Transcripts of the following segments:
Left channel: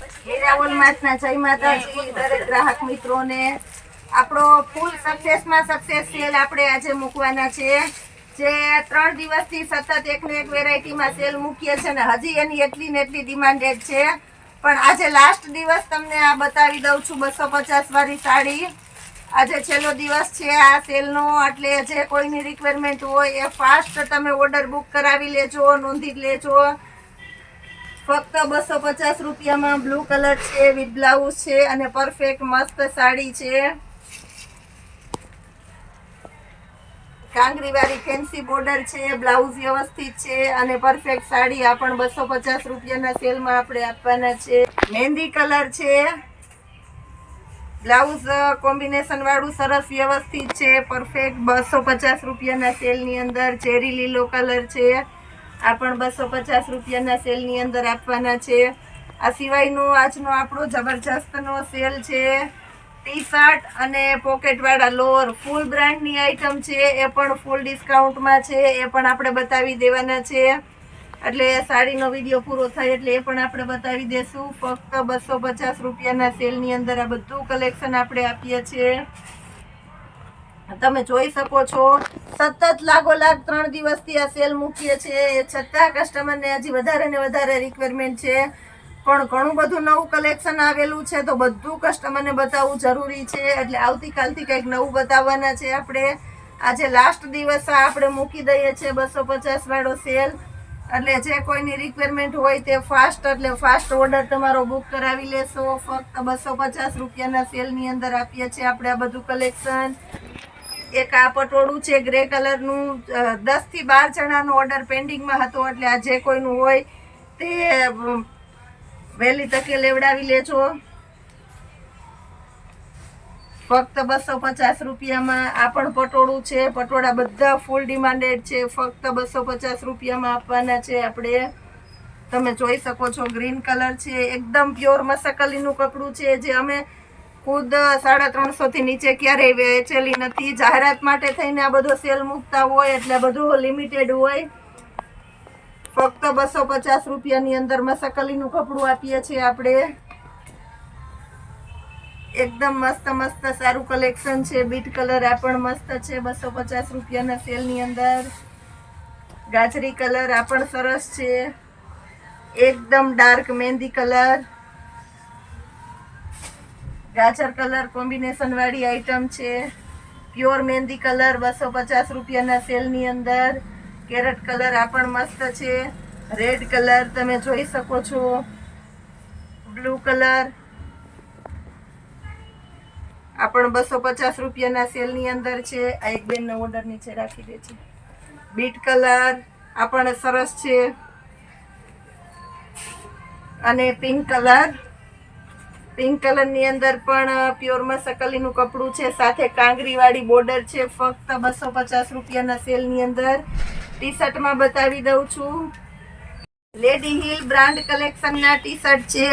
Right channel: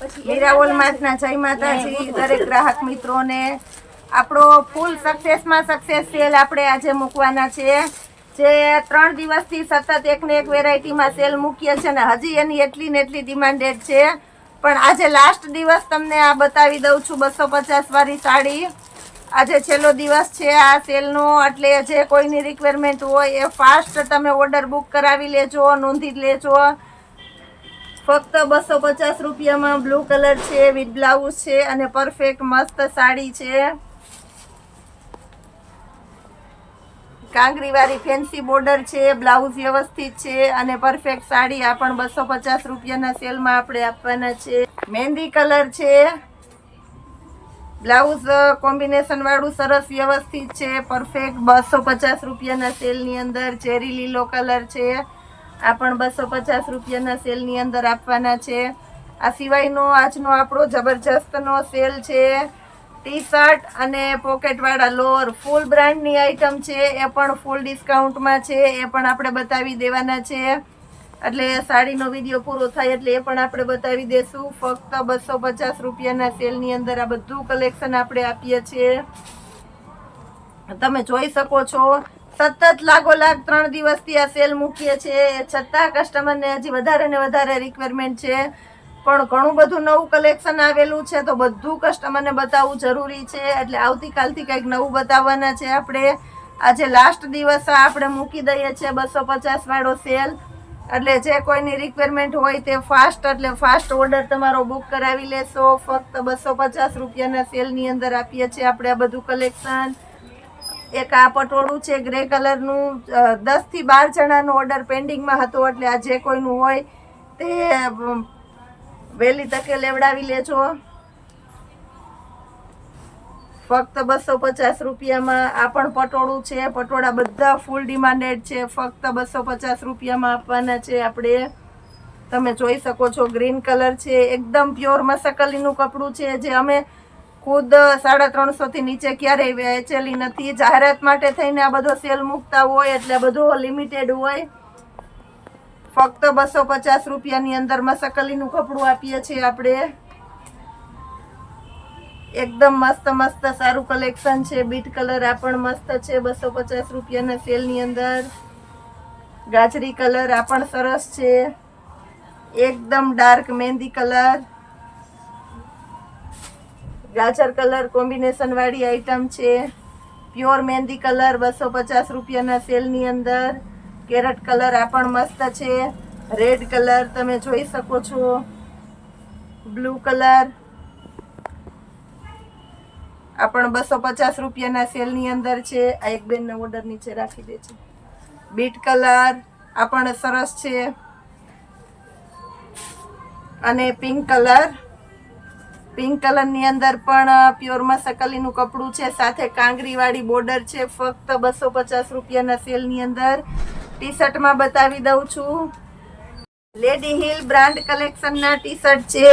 મીરાઓલ માર્ટના જય માતાજી દરેક ગ્રાહક મિત્રોને। આપણો ફૂલ સક્સેસમાં સક્સેસ સેલ આપણે આજે મૂકવાના છે, જે 3 દિવસથી સતત એકને એક વેરાયટીમાં સેલ મૂકીએ છે ને હજી એની એટલી ને એટલી ડિમાન્ડેડ છે, પણ આજે લાસ્ટ દિવસ તમને આ બતાવી દઉં છું 250 વાળી સાડી। આજે છેલ્લો દિવસ છે આ સેલનો, એટલે જે કોઈની રિક્વાયરમેન્ટ હોય એ ફાસ્ટ તમે ઓર્ડર બુક કરાવી લેજો, નોંધી લેજો। ફક્ત 250 રૂપિયામાં બ્લુ કલર છે, વિથ બ્લાઉઝ છે અને પરફેક્ટ મસ્ત સાડી છે। કાંગરી વાળી ફેન્સી બોર્ડર છે, બ્લાઉઝ વ્યવસ્થિત છે અને પરફેક્ટ સાડી આ પણ 250 રૂપિયાના સેલમાં આપણે આપવાના છે। મહેંદી કલર છે, બ્લાઉઝ કોમ્બિનેશન વાળું સરસ વ્યવસ્થિત છે, પરફેક્ટ 250 રૂપિયાના સેલની અંદર। ચેરી લીલો કલર છે, આ પણ 250 રૂપિયાના સેલની અંદર આપવાના છે। આ સિવાયનો આજનો આપણો જબરજસ્તનો સેલ છે, ટી શર્ટ અને પોકેટવાળા લોઅર ફૂલ બ્રાન્ડની આઈટમ છે, એ પણ ફૂલ ડિસ્કાઉન્ટમાં છે, એ પણ આપણે બતાવી દેવાના છે। એટલે સાડીનો વિડીયો પૂરો થાય એટલે એ પણ આપણે બતાવી દેશું। ફક્ત 250 રૂપિયાના સેલની અંદર આ બધું કલેક્શન આપણે આપીએ છીએ, તમે જોઈ શકો છો। સતત લાગોલાગ 3 દિવસથી આ સેલ મૂકીએ છીએ, એ છતાં કસ્ટમરને હજી વધારે ને વધારે રિક્વાયરમેન્ટ છે, પણ ઘણું બધું નવું કલેક્શન આવેલું છે તો બધું કસ્ટમરને બતાવવું જરૂરી છે, એટલે આવતીકાલથી કંઈક નવું બતાવવાના છે આપણે। આજે લાસ્ટ દિવસ આપણે મૂકી દઈએ છીએ 250 વાળો સેલ, એટલે જે કોઈની રિક્વાયરમેન્ટ હોય તે ફાસ્ટ એટલે ફાસ્ટ ઓર્ડર તમારો બુક કરાવી લેશો। ફક્ત 250 રૂપિયાના સેલની અંદર આપીએ છીએ આપણે આ બધું કલેક્શન। એક આ પટોળું છે ગ્રે કલરનું, 10 થી 12 જણાનો ઓર્ડર પેન્ડિંગમાં હતો, એટલે આ જે કોઈનું હોય તે વહેલી તકે લેવડાવી લેજો। ફક્ત 250 રૂપિયામાં આ પણ પટોળું છે, પટોળા બધા ફૂલ ડિમાન્ડેડ છે, ફક્ત 250 રૂપિયામાં આપવાના છે આપણે। તમે જોઈ શકો છો ગ્રીન કલર છે, એકદમ પ્યોર મસકલીનું કપડું છે, જે અમે ખુદ 350 થી નીચે ક્યારેય વેચેલી નથી। જાહેરાત માટે થઈને આ બધો સેલ મૂકતા હોય એટલે બધો લિમિટેડ હોય। ફક્ત 250 રૂપિયાની અંદર મસકલીનું કપડું આપીએ છીએ આપણે, એકદમ મસ્ત મસ્ત સારું કલેક્શન છે। બીટ કલર આ પણ મસ્ત છે 250 રૂપિયાના સેલની અંદર। ગાજરી કલર આ પણ સરસ છે, એકદમ ડાર્ક મહેંદી કલર, ગાજર કલર કોમ્બિનેશન વાળી આઈટમ છે, પ્યોર મહેંદી કલર 250 રૂપિયાના સેલની અંદર। કેરેટ કલર આ પણ મસ્ત છે, રેડ કલર તમે જોઈ શકો છો, બ્લુ કલર આ પણ 250 રૂપિયાના સેલની અંદર છે। આ એક બેનનો ઓર્ડર નીચે રાખી દે છે। બીટ કલર આ પણ સરસ છે, અને પિંક કલરની અંદર પણ પ્યોર મસકલીનું કપડું છે, સાથે કાંગરી વાળી બોર્ડર છે, ફક્ત 250 રૂપિયાના સેલની અંદર। ટી શર્ટમાં બતાવી દઉં છું, લેડી હિલ બ્રાન્ડ કલેક્શનના ટી શર્ટ છે,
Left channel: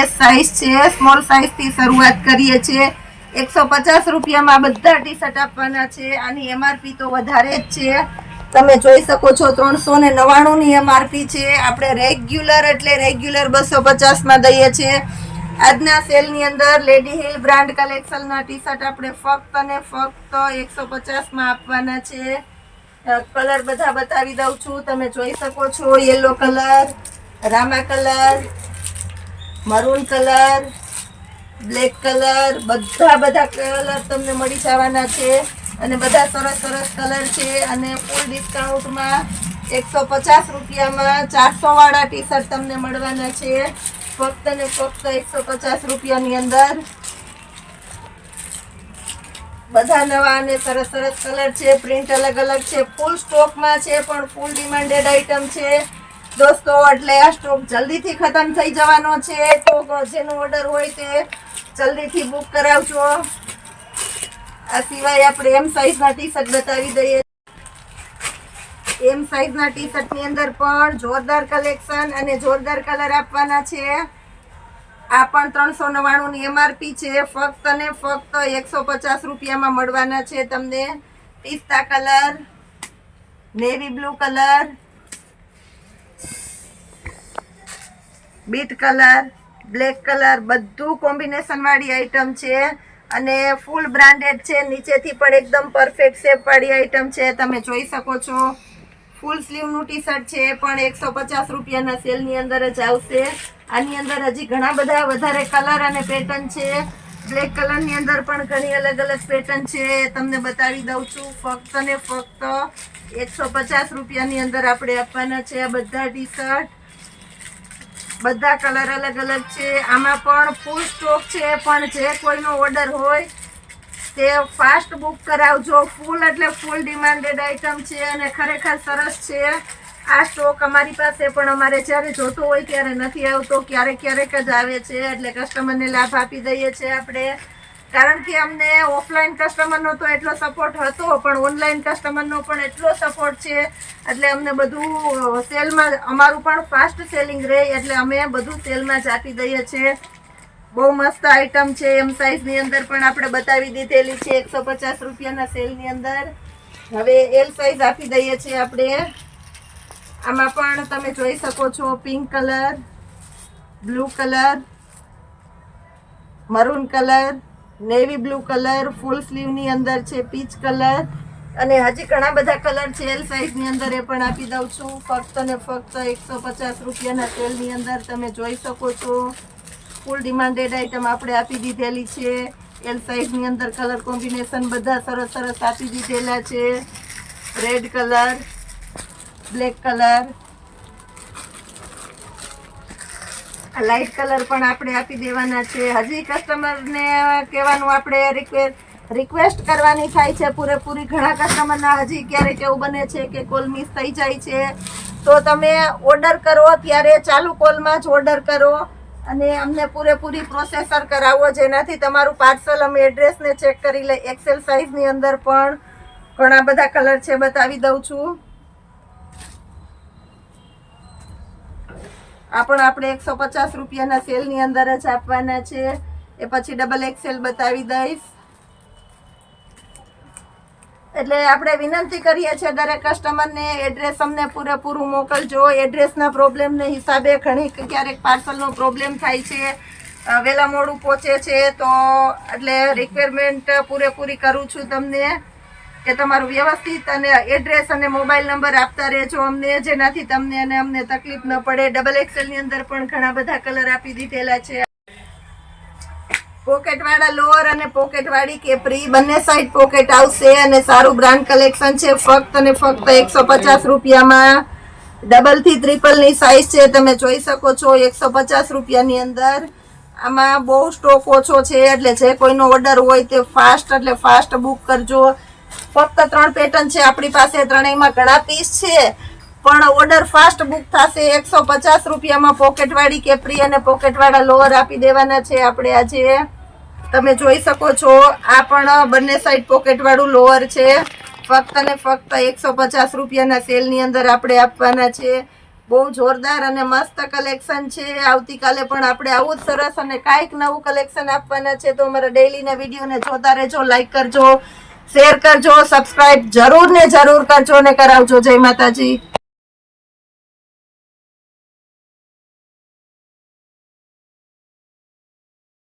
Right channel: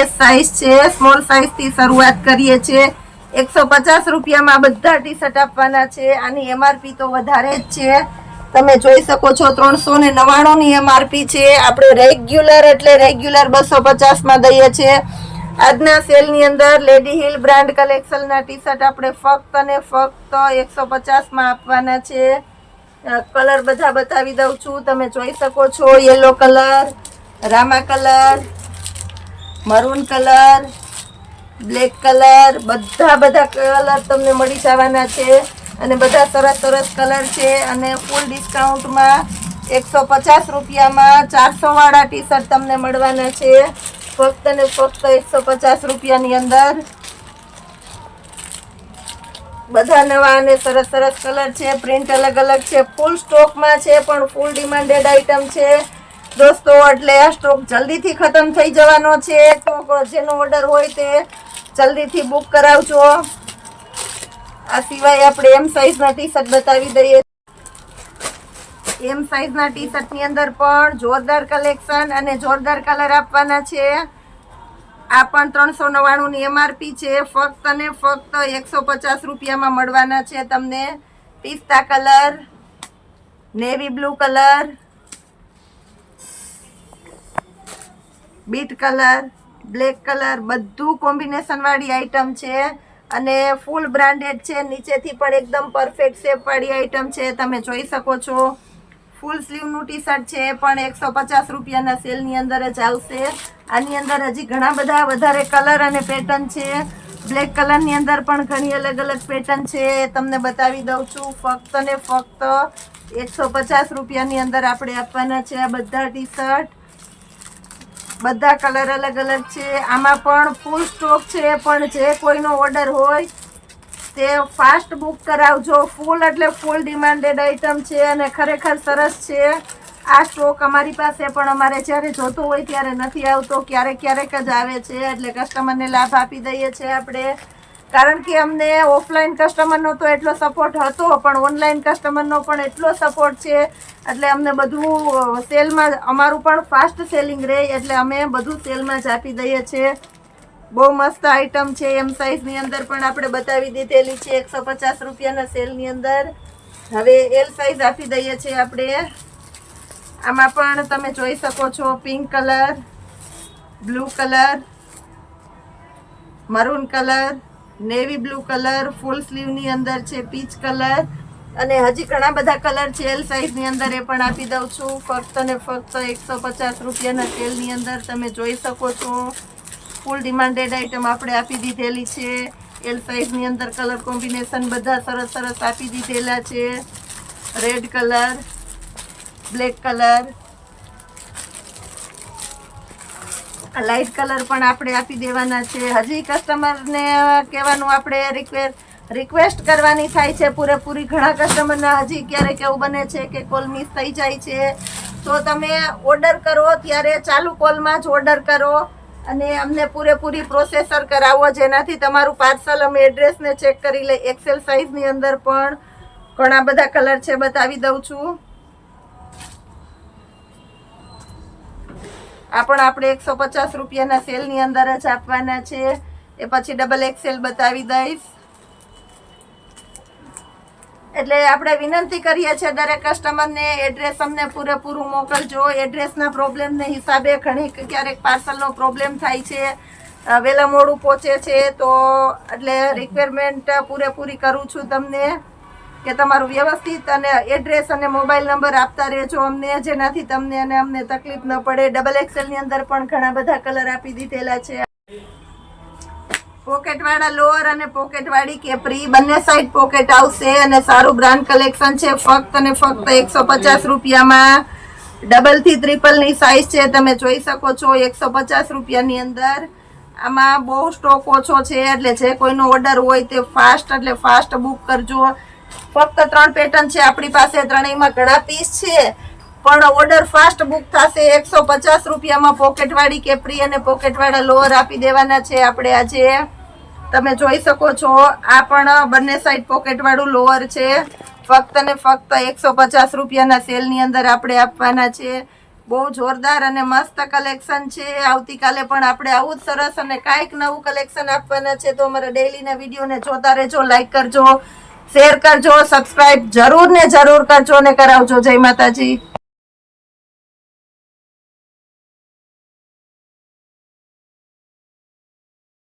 એસ સાઇઝ છે, સ્મોલ સાઇઝ થી શરૂઆત કરીએ છીએ। 150 રૂપિયામાં બધા ટી શર્ટ આપવાના છે, આની એમઆરપી તો વધારે જ છે, તમે જોઈ શકો છો 399 ની એમઆરપી છે, આપણે રેગ્યુલર એટલે રેગ્યુલર 250 માં દઈએ છીએ। આજના સેલની અંદર લેડી હિલ બ્રાન્ડ કલેક્શનના ટી શર્ટ આપણે ફક્ત અને ફક્ત 150 માં આપવાના છે। કલર બધા બતાવી દઉં છું, તમે જોઈ શકો છો, yellow colour, Rama colour, maroon colour, black colour, બધા કલર તમને મળી જવાના છે, અને બધા સરસ સરસ કલર છે, અને ફૂલ ડિસ્કાઉન્ટમાં 150 રૂપિયામાં 400 વાળા ટી શર્ટ તમને મળવાના છે, ફક્ત ને ફક્ત 150 રૂપિયાની અંદર। બધા નવા અને સરસ સરસ કલર છે, પ્રિન્ટ અલગ અલગ છે, ફૂલ સ્ટોકમાં છે, પણ ફૂલ ડિમાન્ડેડ આઈટમ છે દોસ્તો, એટલે આ સ્ટોક જલ્દીથી ખતમ થઈ જવાનો છે, તો જેનો ઓર્ડર હોય તે જલ્દીથી બુક કરાવજો। આ સિવાય આપણે એમ સાઈઝના ટી શર્ટ બતાવી દઈએ, એમ સાઈઝના ટી શર્ટની અંદર પણ જોરદાર કલેક્શન અને જોરદાર કલર આપવાના છે। આ પણ 399 ની એમઆરપી છે, ફક્ત ને ફક્ત 150 રૂપિયામાં મળવાના છે તમને। પિસ્તા colour, navy blue colour, beet colour, black colour, બધું કોમ્બિનેશન વાળી આઈટમ છે અને ફૂલ બ્રાન્ડેડ છે. નીચેથી પણ એકદમ પરફેક્ટ શેપ વાળી આઈટમ છે, તમે જોઈ શકો છો. ફૂલ સ્લીવનું ટી શર્ટ છે પણ 150 રૂપિયાના સેલની અંદર જ આવશે. આની અંદર હજી ઘણા બધા વધારે કલર અને પેટર્ન છે. બ્લેક કલરની અંદર પણ ઘણી અલગ અલગ પેટર્ન છે, તમને બતાવી દઉં છું. ફક્ત ને ફક્ત 150 રૂપિયાની અંદર આપણે આપવાના છે આ બધા ટી શર્ટ. બધા કલર અલગ અલગ છે. આમાં પણ ફૂલ સ્ટોક છે, પણ જે કોઈનો ઓર્ડર હોય તે ફાસ્ટ બુક કરાવજો. ફૂલ એટલે ફૂલ ડિમાન્ડેડ આઈટમ છે અને ખરેખર સરસ છે. આ સ્ટોક અમારી પાસે પણ અમારે જ્યારે જોતો હોય ત્યારે નથી આવતો, ક્યારેક ક્યારેક જ આવે છે, એટલે કસ્ટમરને લાભ આપી દઈએ છીએ આપણે. કારણ કે અમને ઓફલાઈન કસ્ટમરનો તો એટલો સપોર્ટ હતો, પણ ઓનલાઈન કસ્ટમરનો પણ એટલો સપોર્ટ છે, એટલે અમને બધું સેલમાં, અમારું પણ ફાસ્ટ સેલિંગ રહે એટલે અમે બધું સેલમાં જ આપી દઈએ છીએ. બહુ મસ્ત આઈટમ છે. એમ સાઇઝની અંદર પણ આપણે બતાવી દીધેલી છે 150 રૂપિયાના સેલની અંદર. હવે એલ સાઇઝ આપી દઈએ છીએ આપણે. આમાં પણ તમે જોઈ શકો છો pink colour, blue colour, maroon colour, navy blue colour, full સ્લીવની અંદર છે પીચ કલર અને હજી ઘણા બધા કલર છે એલ સાઇઝની અંદર, એ પણ આપી દઉં છું. ફક્ત ને ફક્ત 150 રૂપિયાના સેલની અંદર તમે જોઈ શકો છો. ફૂલ ડિમાન્ડેડ આઈટમ આપણે આપી દીધેલી છે. એલ સાઇઝની અંદર કલર કોમ્બિનેશન બધા સરસ સરસ આપી દીધેલા છે. Red colour, black colour, light colour પણ આપણે આપી દેવાના છે. હજી કસ્ટમરને કહેવાનું આપણે રિક્વેસ્ટ કરવાની થાય છે પૂરેપૂરી. ઘણા કસ્ટમરના હજી ક્યારેક એવું બને છે કે કોલ મિસ થઈ જાય છે, તો તમે ઓર્ડર કરો ત્યારે ચાલુ કોલમાં જ ઓર્ડર કરો અને અમને પૂરેપૂરી પ્રોસેસર કરાવો, જેનાથી તમારું પાર્સલ અમે એડ્રેસને ચેક કરી લઈએ. એક્સેલ સાઇઝની અંદર પણ ઘણા બધા કલર છે, બતાવી દઉં છું. આ પણ આપણે 150 રૂપિયાના સેલની અંદર જ આપવાના છે. એ પછી ડબલ એક્સેલ બતાવી દઈશ. એટલે આપણે વિનંતી કરીએ છીએ દરેક કસ્ટમરને એડ્રેસ અમને પૂરેપૂરું મોકલજો. એડ્રેસના પ્રોબ્લેમને હિસાબે ઘણી ક્યારેક પાર્સલનો પ્રોબ્લેમ થાય છે, વહેલા મોડું પહોંચે છે, તો એટલે રિક્વાયરમેન્ટ પૂરેપૂરી કરું છું તમને કે તમારું વ્યવસ્થિત અને એડ્રેસ અને મોબાઈલ નંબર આપતા રહેજો અમને, જેનાથી તમને અને અમને તકલીફ ન પડે. ડબલ એક્સેલની અંદર પણ ઘણા બધા કલર આપી દીધેલા છે. પોકેટ વાળા લોઅર અને પોકેટ વાળી કેપરી બંને સાઈડ પોકેટ આવશે અને સારું બ્રાન્ડ કલેક્શન છે. ફક્ત અને ફક્ત 150 રૂપિયામાં ડબલ થી ટ્રિપલ ની સાઈઝ છે, તમે જોઈ શકો છો. 150 રૂપિયાની અંદર આમાં બહુ સ્ટોક ઓછો છે, એટલે જે કોઈનો ઓર્ડર હોય તે ફાસ્ટ એટલે ફાસ્ટ બુક કરજો. ફક્ત 3 પેટર્ન છે આપણી પાસે, ત્રણેયમાં ઘણા પીસ છે, પણ ઓર્ડર ફાસ્ટ બુક થશે. 150 રૂપિયામાં પોકેટ વાળી કેપરી અને પોકેટ વાળા લોઅર આપી દેવાના છે આપણે આજે. તમે જોઈ શકો છો. આ પણ બંને સાઈડ પોકેટ વાળું લોઅર છે. ફક્ત ને ફક્ત 150 રૂપિયાના સેલની અંદર આપણે આપવાના છે. બહુ જોરદાર અને મસ્ત કલેક્શન છે. આવતીકાલે પણ આપણે આવું જ સરસ અને કાંઈક નવું કલેક્શન આપવાના છે, તો અમારા ડેઈલીના વિડીયોને જોતા રહેજો, લાઈક કરજો, શેર કરજો, સબસ્ક્રાઇબ જરૂર ને જરૂર કરજો ને કરાવજો. જય માતાજી.